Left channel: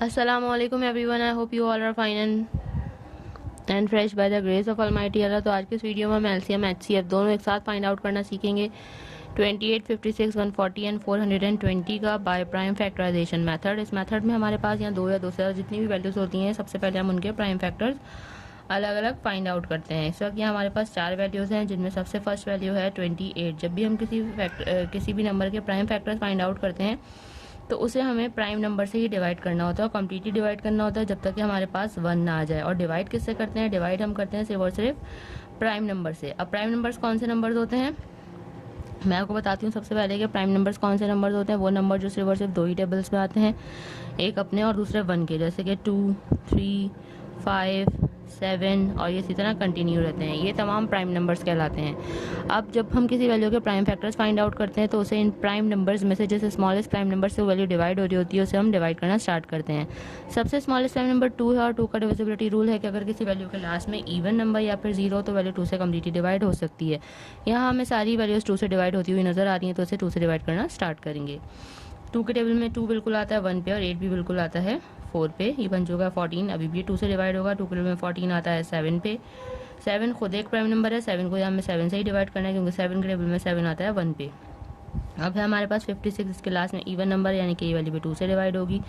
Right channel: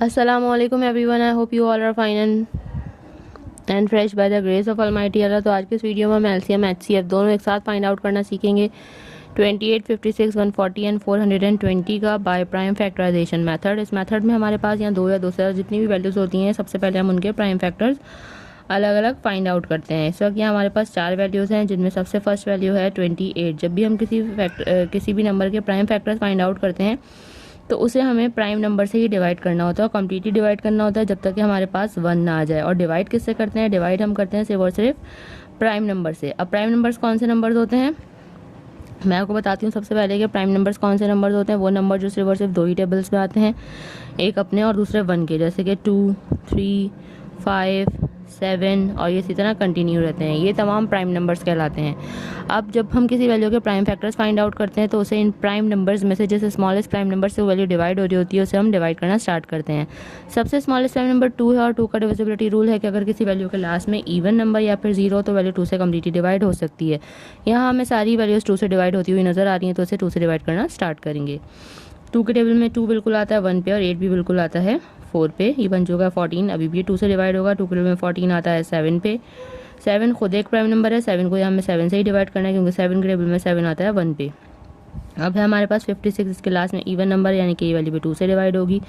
Assalamualaikum everyone. I hope you all are fine and fresh by the grace of Almighty Allah। तो आज के इस video में हम LCM HCF दोनों एक साथ फाइंड आउट करना सीखेंगे। 28, 56, 140 एंड 420 का बाय प्राइम फैक्टराइजेशन मेथड। इस मेथड में हमारे पास यहाँ दो या दो से जितनी भी वैल्यूज होती हैं, सबसे पहले हम उनके प्राइम फैक्टर्स अलग अलग फाइंड आउट करते हैं। इस वक्त यहाँ हमारे पास चार वैल्यूज हैं, जिनमें सबसे फर्स्ट वैल्यू है 28। जब भी हम किसी भी नंबर के प्राइम फैक्टर्स फाइंड आउट करते हैं तो उसे हमें प्राइम नंबर से ही डिवाइड करना होता है और कम्प्लीटली डिवाइड करना होता है जब तक कि हमारे पास 1 ना आ जाए। और डिवाइड किससे करते हैं? डिवाइड हम करते हैं सिर्फ और सिर्फ प्राइम नंबर से। अब प्राइम नंबर्स कौन से नंबर्स होते हैं मैं आपको बताती हूँ सबसे पहले कि प्राइम नंबर्स कौन से नंबर्स होते हैं। वो नंबर जो सिर्फ और सिर्फ दो ही टेबल्स में आते हैं, एक अपने और दूसरे 1 के, जैसे कि 2, 3, 5, 7 और ये इसी तरह कंटिन्यू रहते हैं। ये तमाम प्राइम नंबर्स कहलाते हैं। अब जब हम किसी वैल्यू के प्राइम फैक्टर्स फाइंड आउट करते हैं तो उसे इन प्राइम नंबर्स में से जैसे स्मॉलेस्ट प्राइम नंबर से वो वैल्यू डिवाइड हो रही होती है, उसे हम डिवाइड करना स्टार्ट करते हैं। सबसे स्मॉलेस्ट प्राइम नंबर 2 है और 2 का डिविजिबिलिटी रूल है कि अगर किसी वैल्यू के लास्ट में इवन नंबर या फिर 0 तो वैल्यू 2 से कम्प्लीटली डिवाइड हो सकती है। यहाँ हमें सारी वैल्यूज 2 से डिवाइड होती हुई नजर आ रही हैं, तो उसे 2 से डिवाइड करना स्टार्ट करेंगे। 2 के टेबल में 2 बिल्कुल आता है 1 पे और 8 भी बिल्कुल आता है 4 पे। ये बन चुका है 14। अभी भी 2 से डिवाइड होगा। 2 के टेबल में 14 आता है 7 पे। 7 खुद एक प्राइम नंबर है, 7 को यहाँ हमें 7 से ही डिवाइड करना है क्योंकि 7 के टेबल में 7 आता है 1 पे। अब है हमारे पास 56, इसके लास्ट में इवन नंबर यानी कि ये वैल्यू भी 2 से डिवाइड होगी।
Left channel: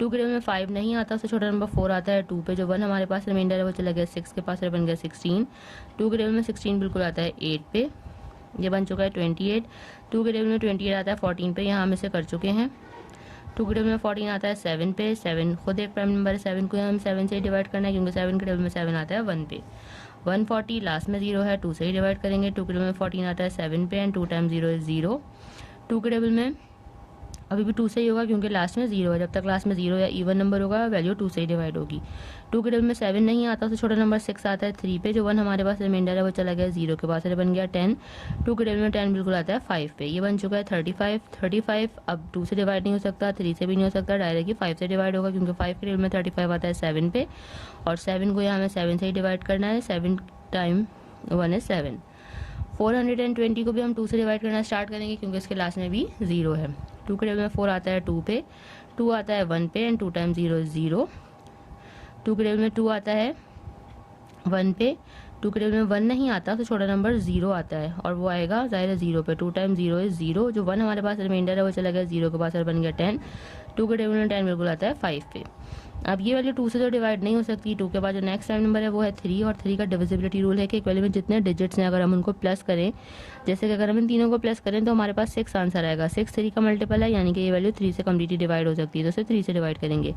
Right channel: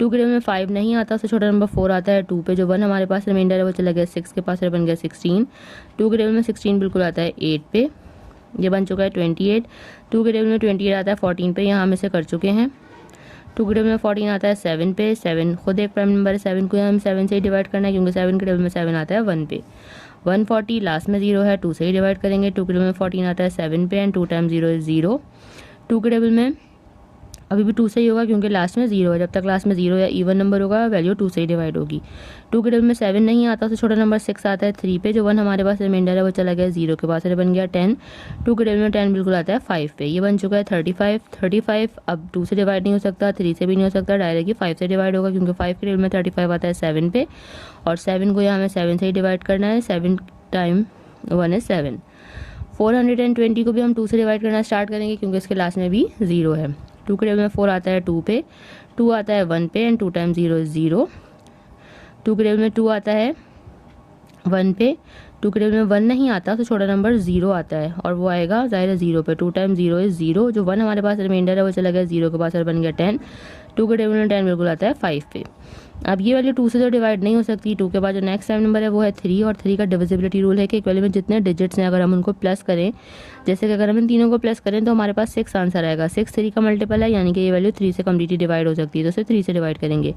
2 के टेबल में 5 नहीं आता, उससे छोटा नंबर 4 आता है 2 पे। जो 1 हमारे पास रिमाइंडर है वो चला गया 6 के पास, बन गया 16। 2 के टेबल में 16 बिल्कुल आता है 8 पे। ये बन चुका है 28। 2 के टेबल में 28 आता है 14 पे, यहाँ हम इसे कर चुके हैं। 2 के टेबल में 14 आता है 7 पे। 7 खुद एक प्राइम नंबर है, 7 को हम 7 से ही डिवाइड करना है क्योंकि 7 के टेबल में 7 आता है 1 पे। 140 लास्ट में 0 है, 2 से ही डिवाइड करेंगे। 2 के टेबल में 14 आता है 7 पे एंड 2 टाइम्स 0 इज 0। 2 के टेबल में अभी भी 2 से ही होगा क्योंकि लास्ट में 0 है। जब तक लास्ट में 0 या इवन नंबर होगा वैल्यू 2 से ही डिवाइड होगी। 2 के टेबल में 7 नहीं आता, उससे छोटा नंबर 6 आता है 3 पे। जो 1 हमारे पास रिमाइंडर है वो चला गया 0 के पास, बन गया 10। 2 के टेबल में 10 बिल्कुल आता है 5 पे। ये बन चुका है 35। 35 अब 2 से डिवाइड नहीं हो सकता, 3 से भी नहीं हो सकता, डायरेक्टली 5 से डिवाइड होगा क्योंकि 5 के टेबल में 35 आता है 7 पे और 7 को यहाँ हमें 7 से ही डिवाइड करना है। 7 टाइम 1 is 7। 420 को भी हम 2 से डिवाइड करना स्टार्ट करेंगे क्योंकि इसके लास्ट में भी 0 है। 2 के टेबल में 4 आता है 2 पे, 2 आता है 1 पे एंड 2 टाइम्स 0 इज 0। 2 के टेबल में 2 आता है 1 पे। 2 के टेबल में 1 नहीं आता, तो छोटा नंबर 0 आता है और वो आएगा ज़ाहिर है 0 पे। 2 टाइम्स 0 इज 0। जो 1 हमारे पास रिमाइंडर है वो चला गया 0 के पास, बन गया 10। 2 के टेबल में 10 बिल्कुल आता है 5 पे। अब ये वैल्यू 2 से तो डिवाइड नहीं हो सकती। 2 के बाद जो नेक्स्ट टाइम नंबर है वो है 3 और 3 का डिविजिबिलिटी रूल है कि एक वैल्यू में जितने डिजिट्स हैं अगर हम उनको प्लस करें, जैसे कि अगर हम इन तीनों को प्लस करें तो हमारे पास 6 आंसर आएगा। 6 3 का मल्टीपल है यानी कि ये वैल्यू 3 से कम्प्लीटली डिवाइड हो सकती है, तो उसे 3 से डिवाइड करेंगे।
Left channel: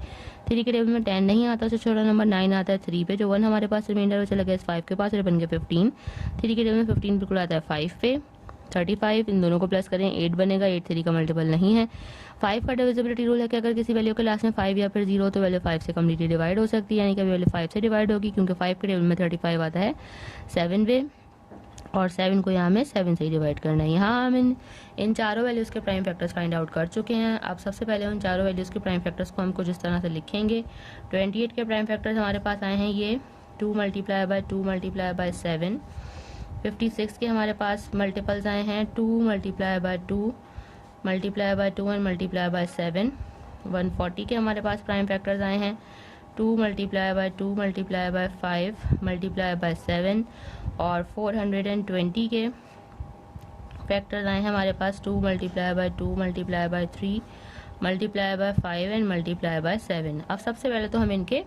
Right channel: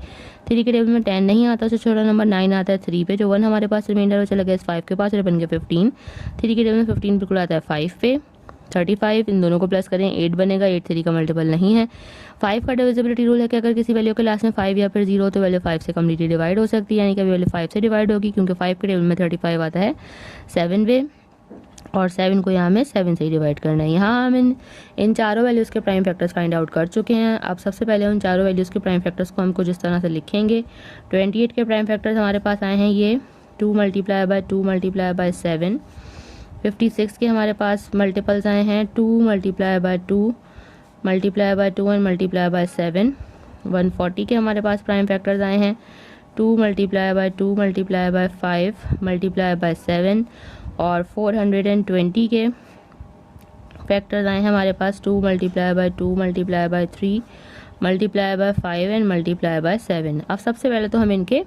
3 के टेबल में 10 नहीं आता, उससे छोटा नंबर 9 आता है 3 पे। जो 1 हमारे पास रिमाइंडर वो चला गया 5 के पास, बन गया 15। 3 के टेबल में 15 बिल्कुल आता है 5 पे। 35 इन दोनों को प्लस करें 8 बनेगा। 8 3 का मल्टीपल नहीं है। 5 का डिविजिबिलिटी रूल है कि अगर किसी वैल्यू के लास्ट में 5 या फिर 0 तो वैल्यू 5 से कम्प्लीटली डिवाइड हो सकती है, यानी कि वैल्यू 5 से डिवाइड होगी क्योंकि 5 के टेबल में 35 आता है 7 वे और 7 को यहाँ हमें 7 से ही डिवाइड करना है। यहाँ हम इन चारों वैल्यूज़ के प्राइम फैक्टर्स फाइंड आउट कर चुके हैं। अब सबसे पहले उन चारों वैल्यूज़ के प्राइम फैक्टर्स को हम कुछ इस तरह से लिखेंगे। 28 के प्राइम फैक्टर्स हमारे पास आए हैं ये 2 मल्टीप्लाई बाय 2 मल्टीप्लाई बाय 7। 56 के हमारे पास मल्टीपल्स आए हैं 2 multiply by 2 multiply by 2 and multiply by 7। 140 के हमारे पास प्राइम फैक्टर्स आए हैं 2 multiply by 2 multiply by 5 multiply by 7 और 420 के फैक्टर्स आए हैं हमारे पास 2 multiply by 2 multiply by 3 multiply by 5 and multiply by 7। अब सबसे पहले तो हमें इनके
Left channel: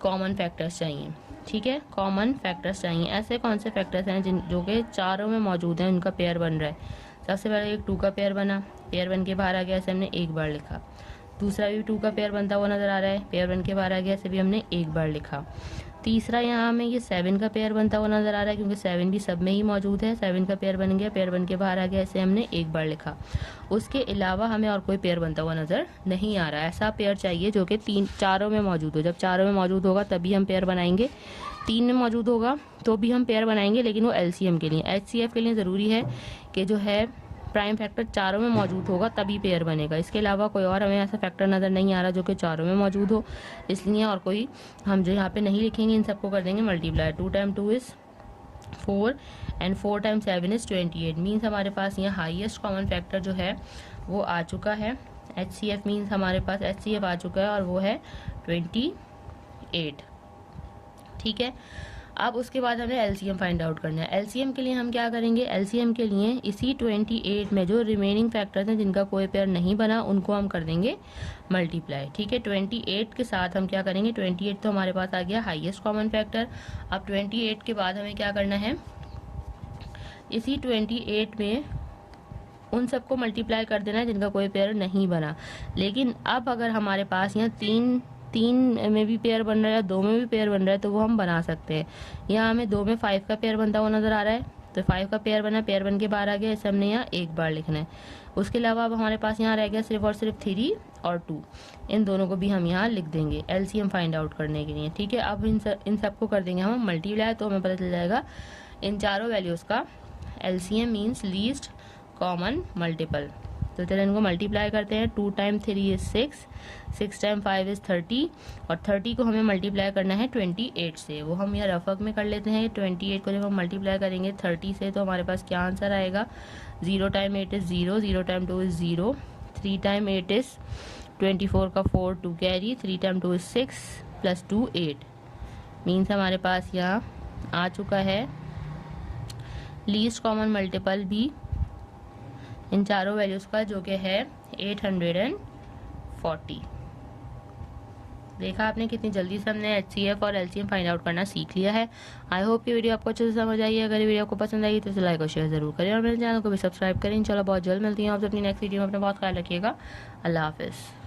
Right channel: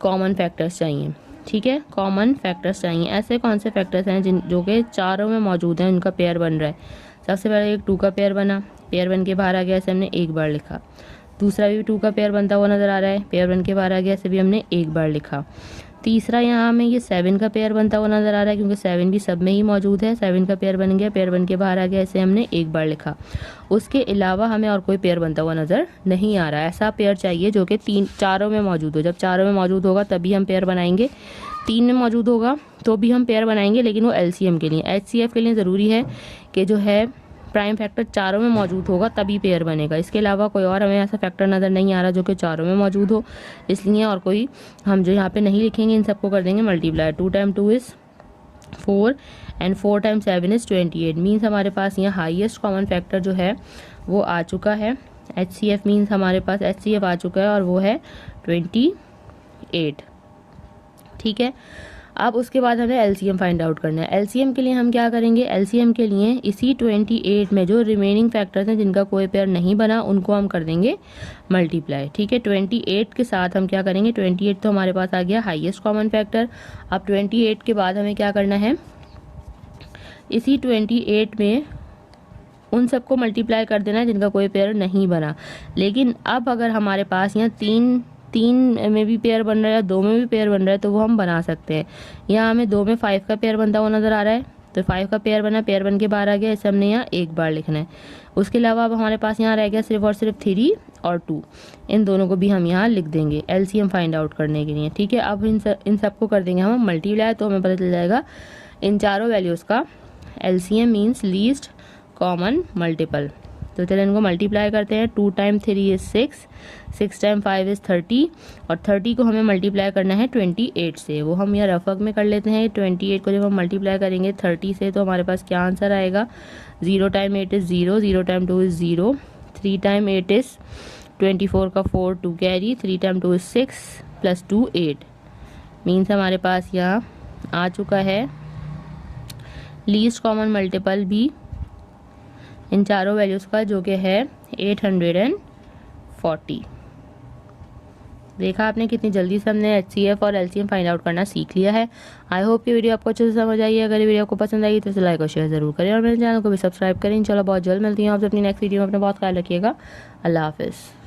कॉमन फैक्टर्स चाहिए, ठीक है। कॉमन फैक्टर्स चाहिए, ऐसे कौन से फैक्टर्स हैं जो कि चारों में मौजूद हैं, उनका पेयर बन रहा है। सबसे पहले एक 2 का पेयर बना, पेयर बन के बाहर आ गया, ऐसे हमने एक बार लिखा। दूसरा भी 2 का पेयर बनता हुआ नजर आ रहा है, पेयर बन के बाहर आ गया, ऐसे भी हमने एक बार लिखा। तीसरा यहाँ हमें ये 7 का पेयर बनता हुआ नजर आ रहा है क्योंकि 7 भी सब में ही मौजूद है। 7 का पेयर बन गया, पेयर बन के बाहर आ गया, ऐसे हमने एक बार लिखा। उसके अलावा हमें और कोई पेयर बनता हुआ नजर नहीं आ रहा है। ऐसा पेयर चाहिए जो कि चारों में मौजूद हो। जब चारों में मौजूद होगा तभी हम पेयर बनाएंगे। 3 में मौजूद होगा तो भी हम पेयर बनाएंगे, लेकिन वो LCM के लिए। HCF के लिए ज़रूरी है कि जो है प्राइम फैक्टर चारों में मौजूद होगा तभी पेयर बनेगा। इसके अलावा कोई और हमें ऐसा फैक्टर नज़र नहीं आ रहा जो कि चारों में मौजूद हो, इसलिए और कोई हम जो यहाँ पे नहीं लिखेंगे, इन सबको कर देंगे multiply. 2 time 2 is 4 and 4 time 7 is 28। Means हमारे पास यहाँ हाईएस्ट कॉमन फैक्टर जो है वो आ चुका है। HCF मीन्स हमारे पास HCF आ चुका है और वो है 28। ठीक है, अब उसके बाद हमें LCM फाइंड आउट करना है। LCM के लिए हम क्या करेंगे, LCM के लिए इसी 28 में जो रिमेनिंग फैक्टर्स हैं जिनका कोई पेयर नहीं बना उनको हम कर देंगे मल्टीप्लाई। ठीक है, 28 के साथ हम क्या करेंगे, 28 तो हमारे पास आ गया हाईएस्ट कॉमन फैक्टर। अब 28 के बाद हमें क्या करना है, इसी 28 में उन सबको मल्टीप्लाई कर देना है जिनका कोई पेयर नहीं बना। लेकिन अब अगर हमारे पास यहाँ तीन में भी पेयर बन रहा है, 2 में भी पेयर बन रहा है, तो वो हम बना सकते हैं। यहाँ हमें 2 में 5 का पेयर बनता हुआ नजर आ रहा है, तो 5 का पेयर बना, पेयर बन के बाहर आ गया, इसे हमने यहाँ एक बार लिखना है। उसके अलावा अब हमारे पास यहाँ रह गया सिर्फ और सिर्फ 3 और 2, इन दोनों को भी हम यहाँ लिख देंगे LCM फाइंड आउट करने के लिए। ठीक है, अब इन सबको कर देंगे हम मल्टीप्लाई, तो हमें पता चल जाएगा इन चारों वैल्यूज का LCM means least common multiple. तो चलिए इनको मल्टीप्लाई करते हैं। 2 टाइम 3 इज 6, 6 टाइम 5 इज 30, और 30 को हमें मल्टीप्लाई करना है 28 से। वो हम यहाँ रफक में कर लेते हैं। 28 को जब हम मल्टीप्लाई करेंगे 30 से तो हमारे पास क्या आंसर आएगा, 0 time 8 is 0, 0 time 2 is 0, 3 time 8 is 24 का 4 2 carry, 3 time 2 is 6 plus 2 8 means हमारे पास यहाँ आ चुका है लीस्ट कॉमन मल्टीपल भी इन चारों वैल्यूज का, जो कि है 840। देखा आपने कितनी जल्दी से हमने HCF और LCM फाइंड आउट करना सीख लिया है। आई होप कि वीडियो आपको अच्छे से समझ आई है। अगर ये वीडियो आपको पसंद आई तो इसे लाइक और शेयर जरूर करें और मेरे चैनल को भी सब्सक्राइब करें। इंशाल्लाह बहुत जल्द मिलती हूँ आप अपनी नेक्स्ट वीडियो में। अपना बहुत ख्याल रखिएगा। अल्लाह हाफिज़।